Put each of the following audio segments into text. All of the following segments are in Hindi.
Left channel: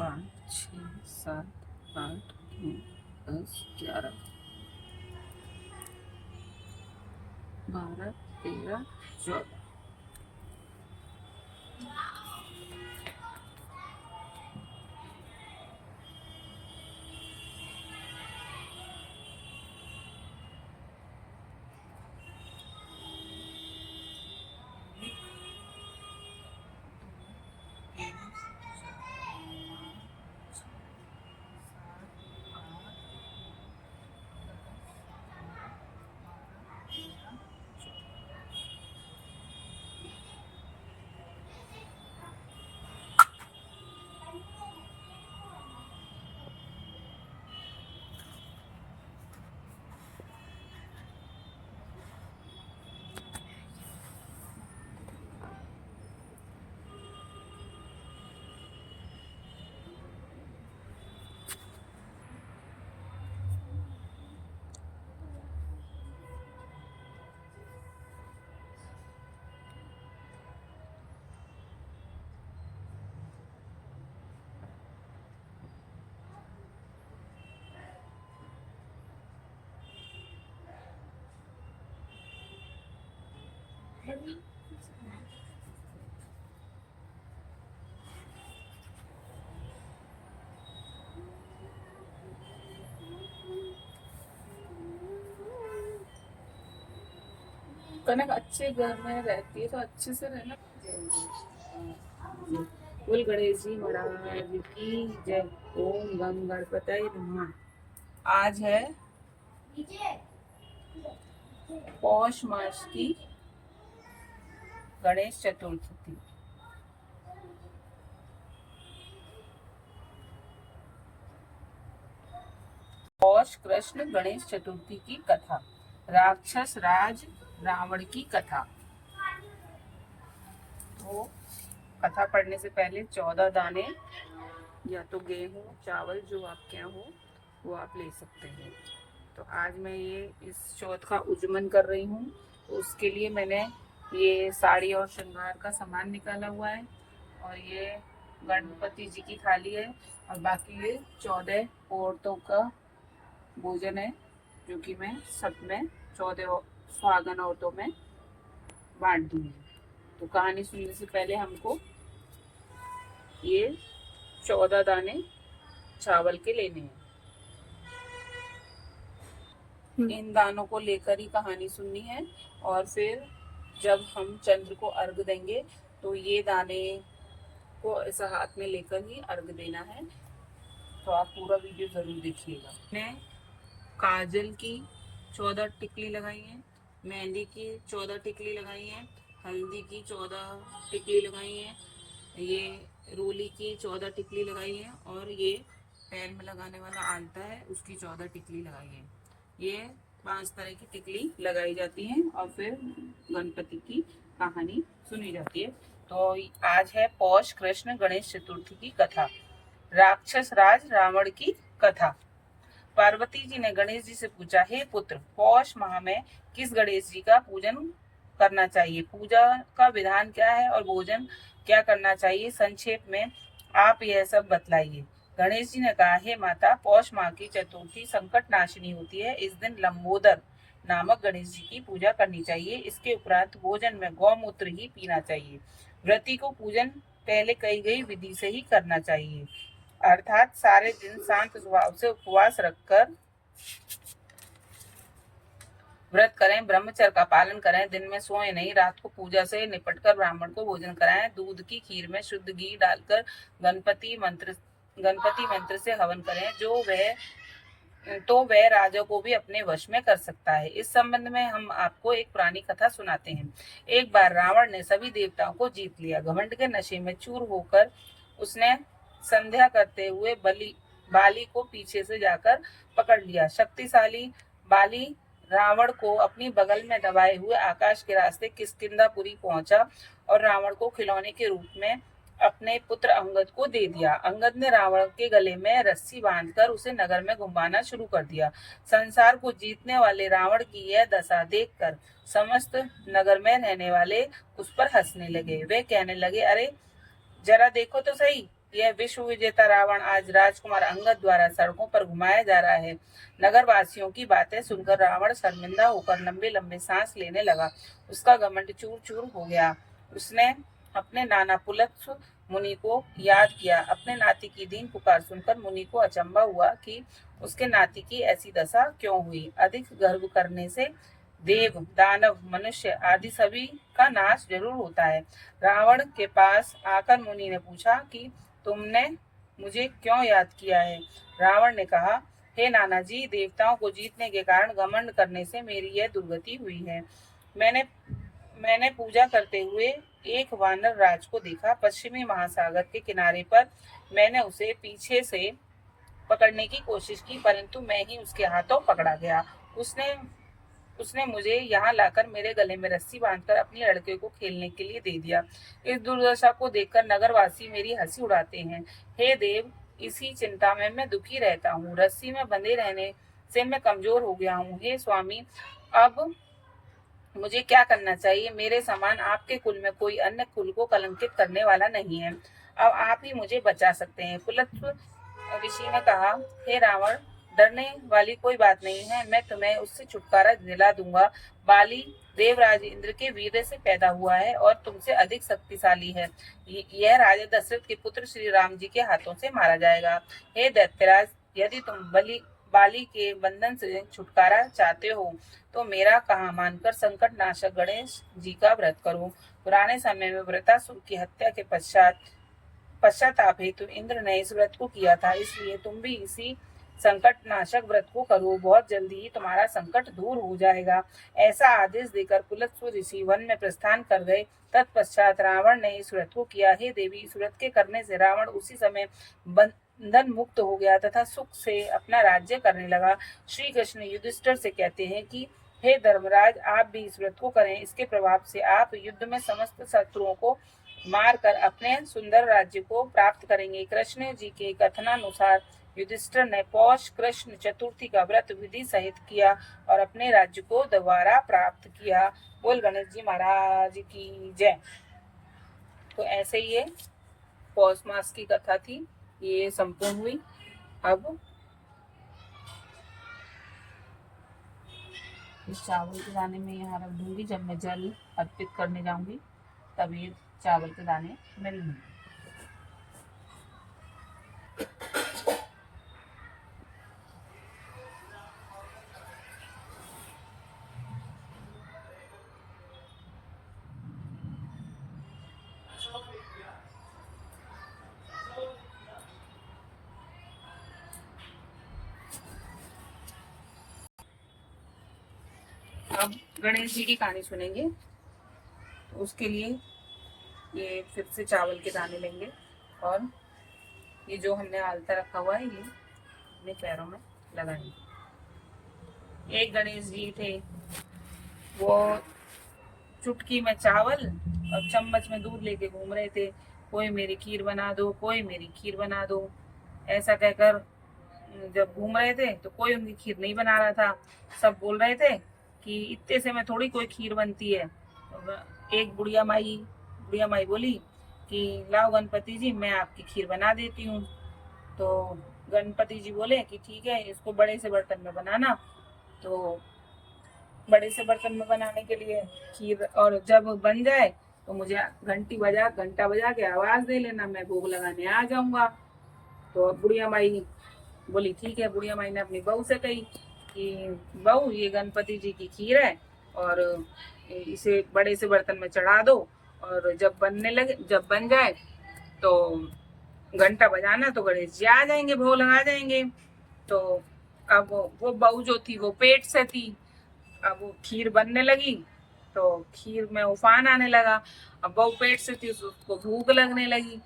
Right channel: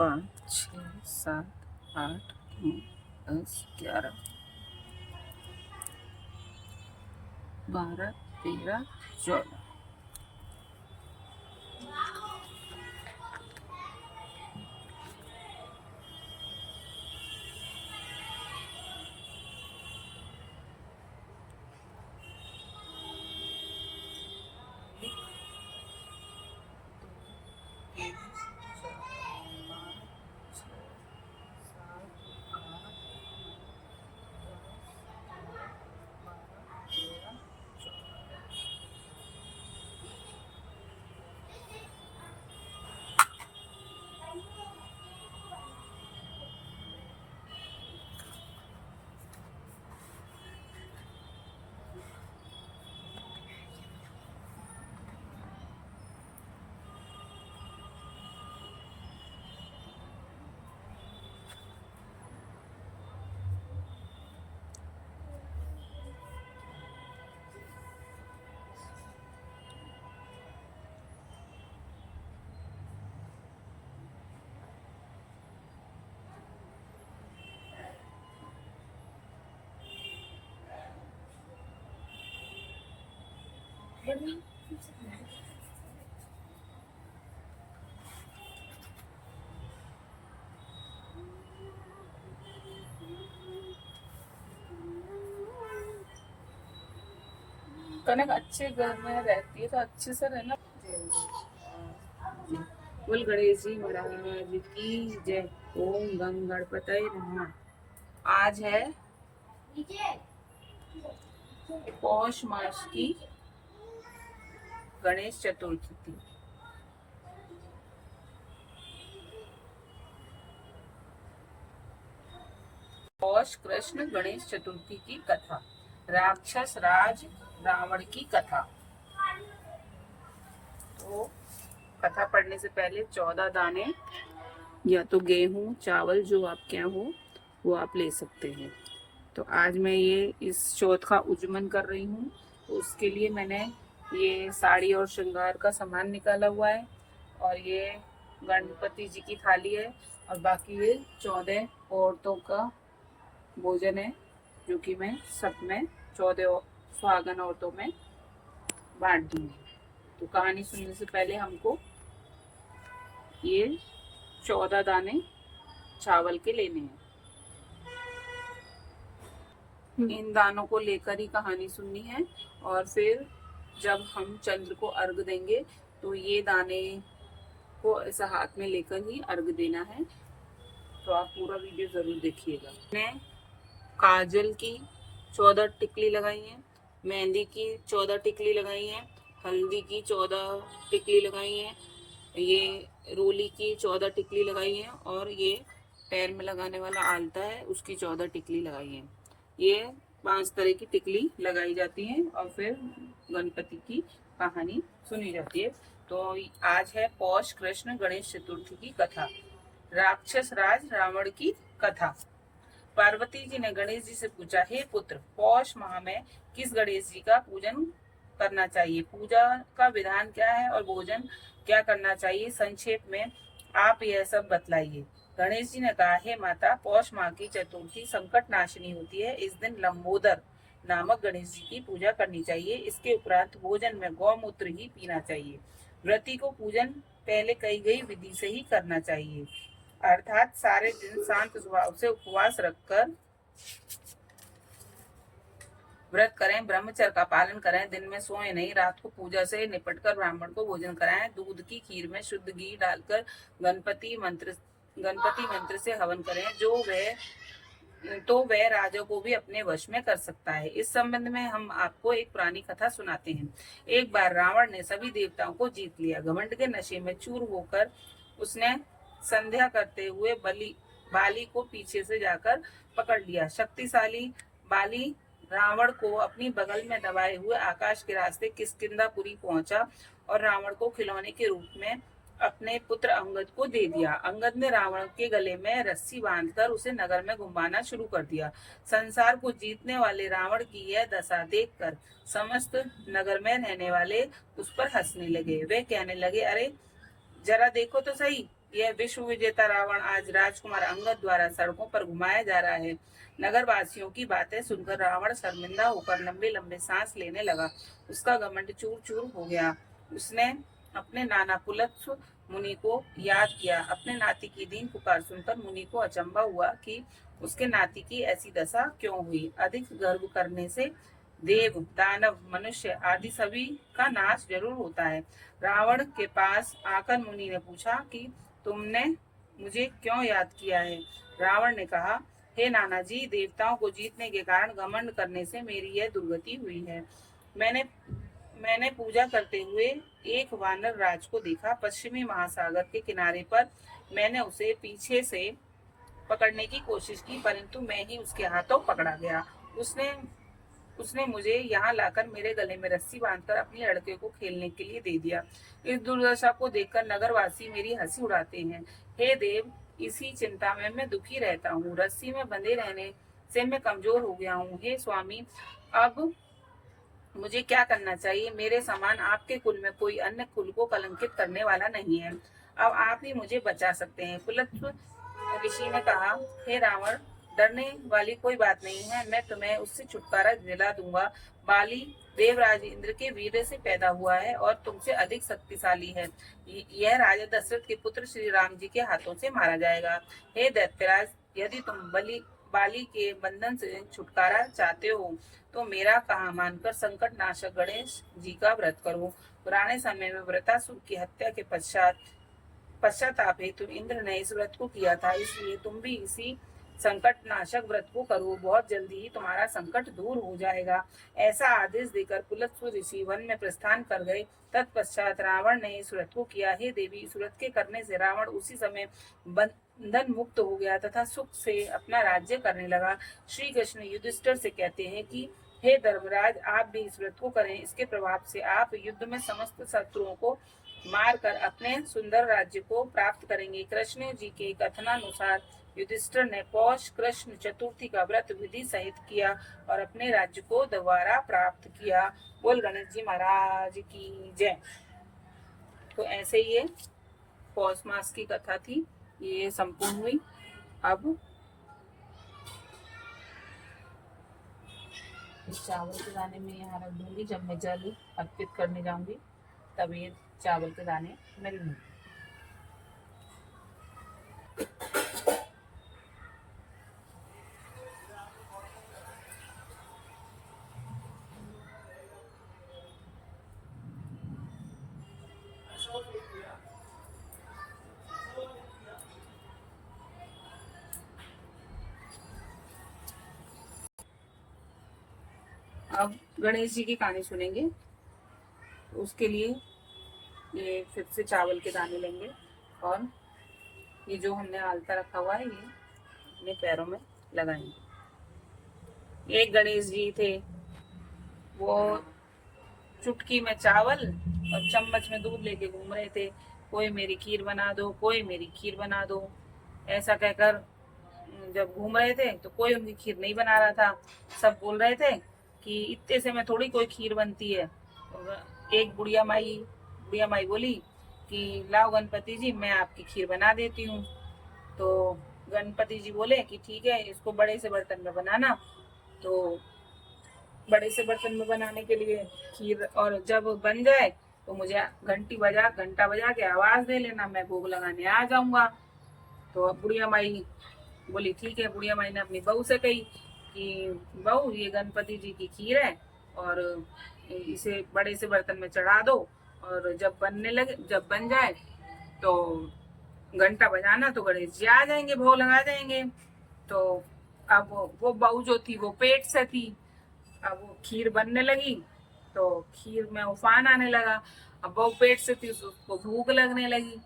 5 6 7 8 9 10 11 12 13 14। कनक अच्छे घर में रहती है तो अच्छे से रहना। बोल गणेश जी महाराज की जय। ओम गंग गणपतये नमः। आज है पौष मास की गणेश चतुर्थी। पौष कृष्ण गणेश चतुर्थी की कथा। राक्षस राज रावण की कथा। तो कथा पढ़ने से पहले 14 दाने या तो गेहूं चावल जो आपके यहाँ हो वो आप ले सकते हैं। तो आज मैं ये इस चौथ का उज्जमन कर रही हूँ। तो उसके लिए मैंने ये साड़ी और श्रृंगार का सामान निकाला हुआ है और ये गणपति जी की थाली है और बाकी ये 14 औरतों का भोजन है जो कि मैं सब में 14 सुहागन औरतों में बांट दूंगी। तो कहानी सुनने से पहले हमको ये 14 दाने चावल के लेने हैं। इन दानों को लेकर ही कहानी सुननी है और फिर जब हम चंद्र को अर्घ देंगे तो ये दाने को ऐसा हाथ में लेकर ही अर्घ देना है। तो आप पूरा वीडियो जरूर देखिएगा। मैंने काजल की 14 टिकली लगाई है, मेहंदी की 14 टिकली लगाई है, हल्दी की 14 टिकली लगाई है, ये रोली की 14 टिकली लगाई है और ये पैर में लगाने वाला आलता है उसकी 14 टिकली लगाई है। ये 5 तरह की टिकली लगाई जाती है और फिर गणपति की कहानी सुनी जाती है। तो आज है पौष कृष्ण गणेश चतुर्थी की कथा। राक्षस राज रावण की कथा। पार्वती जी ने गणेश जी से पूछा, हे पुत्र, पौष माह में किस गणेश जी का पूजन करना चाहिए? पूजा का विधान क्या है और भोजन क्या करना चाहिए? संक्षेप में आप यह सब बतलाइए। गणेश जी ने कहा, हे माता, पौष माह की चतुर्थी संकट नाशिनी होती है। इस दिन लंबोदर नामक गणेश जी की पूजा करनी चाहिए। इसके उपरांत भोजन में गौमूत्र ही पीना चाहिए। व्रती को पूजन पहले कही गई विधि से ही करना चाहिए, अर्थात सारे दिन शांत स्वभाव से उपवास रखकर व्रत करें, ब्रह्मचर्य का पालन करें, दिन में सोए नहीं, रात को पूजा से निपटकर ब्राह्मण को भोजन कराएं, दूध की खीर में शुद्ध घी डालकर गणपति मंत्र से हवन करें, तो वह राजा को भी अपने वश में कर सकता है। इस संबंध में हम आपको एक पुरानी कथा सुनाते हैं। एक बार रावण ने सभी देवताओं को जीत लिया। घमंड के नशे में चूर होकर उसने संध्या करते हुए बाली को पीछे से जाकर पकड़ लिया। शक्तिशाली बाली रावण को अपनी बगल में दबाए हुए आकाश के रास्ते किष्किंधापुरी पहुंचा और रावण को खिलौने के रूप में अपने पुत्र अंगद को दे दिया। अंगद ने रावण के गले में रस्सी बांधकर उसे नगर में घुमाना शुरू कर दिया। संसार को जीतने वाले रावण की यह दशा देखकर समस्त नगर में रहने वाले उस पर हंसने लगे। वे कहने लगे, अरे जरा देखो तो सही, यह विश्व विजेता रावण आज राजकुमार अंगद द्वारा सड़कों पर घुमाया जा रहा है। नगर वासियों की बातें सुनकर रावण शर्मिंदा होकर लंबे लंबे सांस लेने लगा। उसका घमंड चूर चूर हो गया। उसने अपने नाना पुलत्स्य मुनि को याद किया। अपने नाती की दीन पुकार सुनकर मुनि को अचंभा हुआ कि उसके नाती की ऐसी दशा क्यों हुई। अधिक गर्व करने से देव, दानव, मनुष्य आदि सभी का नाश जरूर होता है। रावण के पास आकर मुनि ने पूछा कि तुमने मुझे क्यों याद किया है। रावण ने कहा, हे नाना जी, देवताओं को जीतने के कारण घमंड करने से मेरी यह दुर्गति हुई है। मैंने मैंने पूजा करते हुए एक वानर राज को देखा। पश्चिमी महासागर के किनारे पर मैंने उसे पीछे से पकड़ने की कोशिश की, परंतु मैं ही उसके हाथों पकड़ा गया। उसने उसने मुझे यहाँ लाकर मेरे गले में रस्सी बांधकर अपनी लड़के को खेलने के लिए दे दिया। इस दुर्दशा को देखकर नगरवासी मेरी हंसी उड़ाते हैं। हे देव, इसी चिंता में मैं दुखी रहता हूँ। रस्सी में बंधे रहने से मैं कमजोर हो गया हूँ। हे स्वामी, अब मुझे क्या करना चाहिए? मेरे समान आपके कुल में कोई अन्य कुल को कलंकित करने वाला नहीं है। अब आप ही मुझे बचा सकते हैं। पुलत्स्य ऋषि ने कहा, हे रावण, डरने वाली कोई बात नहीं है। मैं तुम्हें उससे छुटकारा दिला दूंगा। बाली देवराज इंद्र के वीर से पैदा हुआ है और तुमसे अधिक शक्तिशाली है। यह राजा दशरथ के पुत्र श्री राम जी के हाथों से मारा जाएगा। हे दैत्यराज, यदि तुम बाली के बंधन से छुटकारा चाहते हो तो मेरा कहा मानकर संकट नाशक गणेश जी का व्रत करो। पुराने समय में वृतासुर की हत्या के पश्चाताप हेतु इंद्र ने इस व्रत को किया था, इसलिए तुम भी इसी संकट नाशक व्रत को करो। बहुत जल्दी ही तुम्हारा संकट दूर हो जाएगा। ऐसा आदेश देकर पुलत्स्य ऋषि वन में प्रस्थान कर गए। तत्पश्चात रावण ने इस व्रत को किया। हे देवी, इस व्रत के करने से रावण उसी समय बंधन मुक्त हो गया तथा सुख से अपना राज्य करने लगा। श्री कृष्ण युधिष्ठिर से कहते हैं कि हे धर्मराज, आप भी इस व्रत को करें। इसके प्रभाव से आप युद्ध में समस्त शत्रुओं को मारकर अपने सुंदर राज्य को प्राप्त करेंगे। कृष्ण जी के कथनानुसार युधिष्ठिर ने पौष कृष्ण चतुर्थी का व्रत विधि सहित किया और अपने राज्य को दोबारा प्राप्त किया। बोल गणेश जी महाराज की जय। तो ऐसे ये पौष मास की कथा थी, ये संपूर्ण हुई। अब इस चावल के दाने में यहाँ रख दूंगी। जब मैं जल अर्पित करने जाऊंगी तब ये चावल के दाने मिलेंगे। अब गणेश जी की कहानी सुनेंगे। उसके लिए ये फिर से चावल के दाने लेंगे और ये जो हमने आलता रखा हुआ है ये अपने पैरों में लगाएंगे। एक गणेश जी थे, वो चुटकी में चावल और चम्मच में दूध लेके घूम रहे थे। कोई मेरी खीर बना दो, कोई मेरी खीर बना दो, ऐसा कहकर जब घूम रहे थे तो कोई उनकी खीर नहीं बना रहा था। सब बोल रहे थे कि इतने से में थोड़ी कोई खीर बनती है। एक बुढ़िया माई बोली कि लाओ गणपति जी, मैं आपकी खीर बना देती हूँ। तो गणपति जी बोले कि ठीक है, इसको बड़े से बर्तन में बनाना। तो बड़े से बर्तन में बनाने के लिए खीर, और जब बन जाए तो मुझे घंटा बजा के आवाज दे लेना, मैं भोग लगाने आ जाऊंगा। तो बुढ़िया माई बोली ठीक है। बुढ़िया माई ने अपनी बहू से कही कि बहू, ये गणपति जी की खीर है और इसे बड़े से बर्तन में चढ़ा दो, और जब बन जाए तो घंटा बजाना, तो गणेश जी आ जाएंगे, भोग लगा जाएंगे। तो अब वो बहू जो थी वो पेट से थी। अब वो खीर बनने लगी तो खीर में उफान आने लगा। अब बहू पेट से थी, उसको भूख लगने लगी,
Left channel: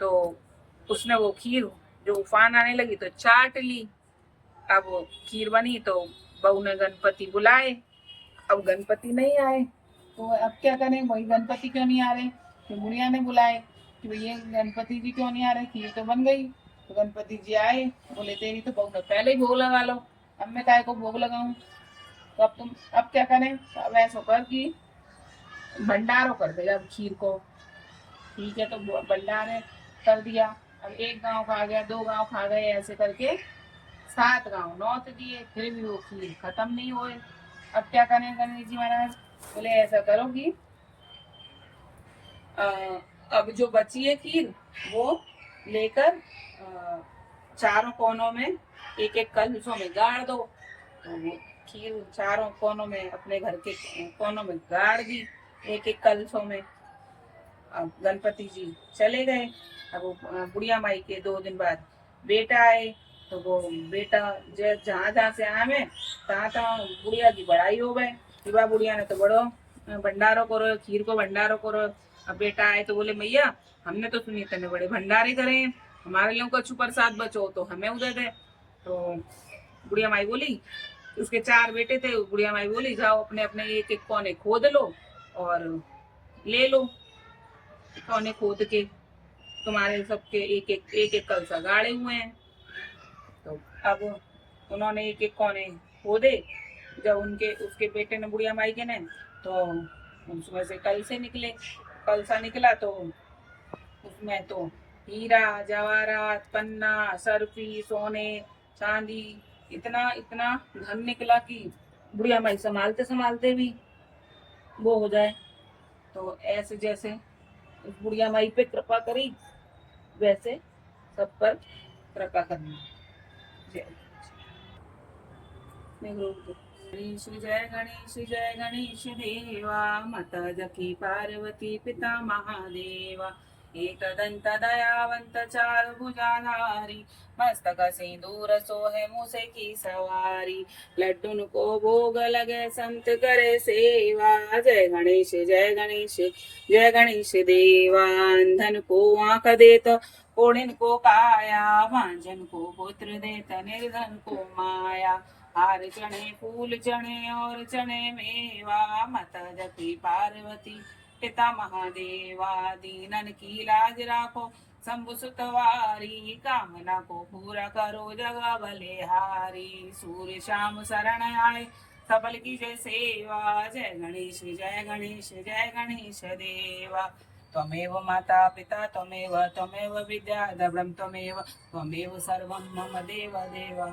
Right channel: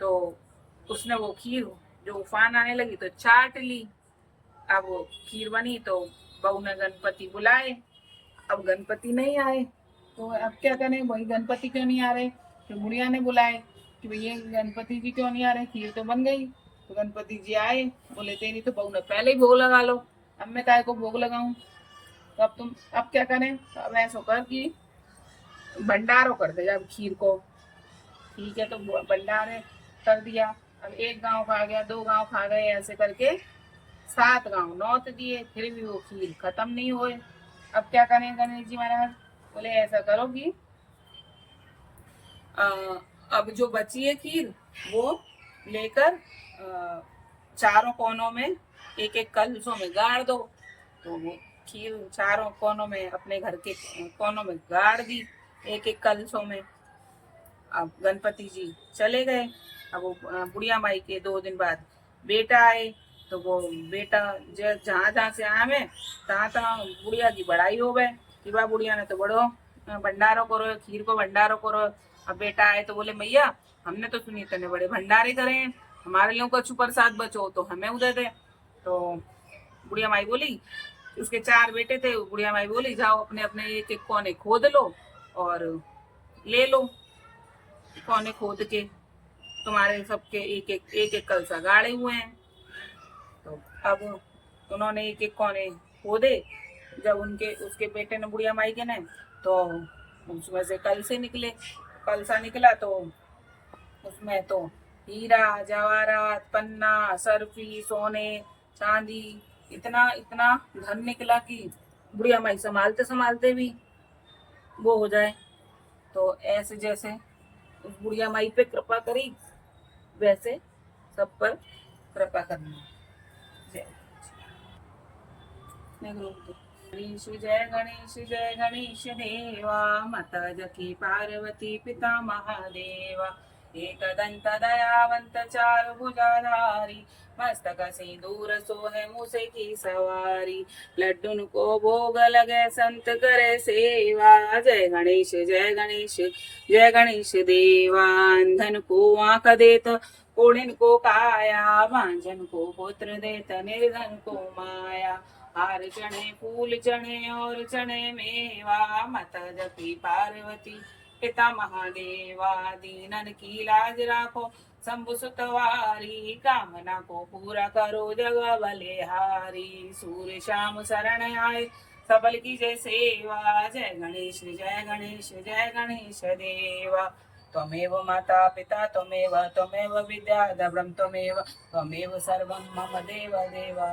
तो उसने वो खीर जो उफान आने लगी तो चाट ली। अब वो खीर बनी तो बहू ने गणपति बुलाए। अब गणपति नहीं आए तो अब क्या करें, वही गणपति क्यों नहीं आ रहे। तो बुढ़िया ने बुलाए कि भैया गणपति जी क्यों नहीं आ रहे, खीर तो बन गई। तो गणपति जी आए, बोले तेरी तो बहू ने पहले ही भोग लगा लो, अब मैं काय को भोग लगाऊं। तो अब क्या करें। तो अब ऐसा कर कि भंडारो कर दे जब खीर को। ठीक है, तो भंडारे कर दिया। अब एक गांव खा गया, 2 गांव खा गए, ऐसे करके 7 गांव नौत दिए, फिर भी वो खीर खत्म नहीं हुए। अब क्या करें गणेश जी महाराज? बोले ऐसा करो कि अ, अब जो बची है खीर वो लेकर चारों कोनों में एक एक कलशों में गाड़ दो। तो वो खीर चारों कोनों में अपने घर के कोनों में गाड़ दी, एक एक कलशों में। अब गणपति जी चले गए। अब वो बुढ़िया माई के 2 दिन बाद बेटा आए। तो वो बेटा जहाँ जहाँ से आए में तहाँ तहाँ बुढ़िया की बड़ाई हो गए कि वाह बुढ़िया ने तो बड़ो भंडारो करो, खीर को भंडारो करो। अब बेटा आए तो बोले मैया हमने तो सुनी तेने बड़े भंडारे करे हैं, हमारे लोगों को अच्छू प्रसाद बचो तो हमें उधर दे। तो बुढ़िया माई बोली, उसके 4 बेटे थे, बुढ़िया माई बोली जाओ अपने अपने एक एक कोने खोद लो और ले लो। कोने खोद के तुम्हारे सबके एक एक कलसा गाड़े हुए हैं। तो अब उन्होंने एक एक कोने खोदे। जब उनके उसके बेटे ने बुढ़िया माई के ने, तो उसमें से कल से निकले, कलसा निकला। तो उसमें तो हीरा जवाहरात पन्ना सर्फी सोने चांदी इतना इतना धन निकला कि बुढ़िया माई संभालते संभालते भी वो हो जाए। तो ऐसे जैसे उस बुढ़िया माई पे कृपा करी वैसे सब पर कृपा करना। जय गणेश जय गणेश जय गणेश देवा, माता जकी पार्वती पिता महादेवा। एकदंत दयावंत चारु भुजाधारी, मस्तक सिंदूर सोहे मूसे की सवारी। लड्डून को भोग लगे संत करे सेवा, जय गणेश जय गणेश जय गणेश देवा। अंधन को आंख देत कोढ़िन को काया, भांजन को पुत्र देत निर्धन को माया। हार चढ़े फूल चढ़े और चढ़े मेवा, माता जकी पार्वती पिता महादेवा। दीनन की लाज राखो शंभु सुतवारी, कामना को पूरा करो जग बलिहारी। सूर्य शाम शरण आए सबल की जय सेवा, जय गणेश जय गणेश जय गणेश देवा। त्वमेव माता पिता त्वमेव विद्या ब्रह्म त्वमेव सर्वं मम देव देवा।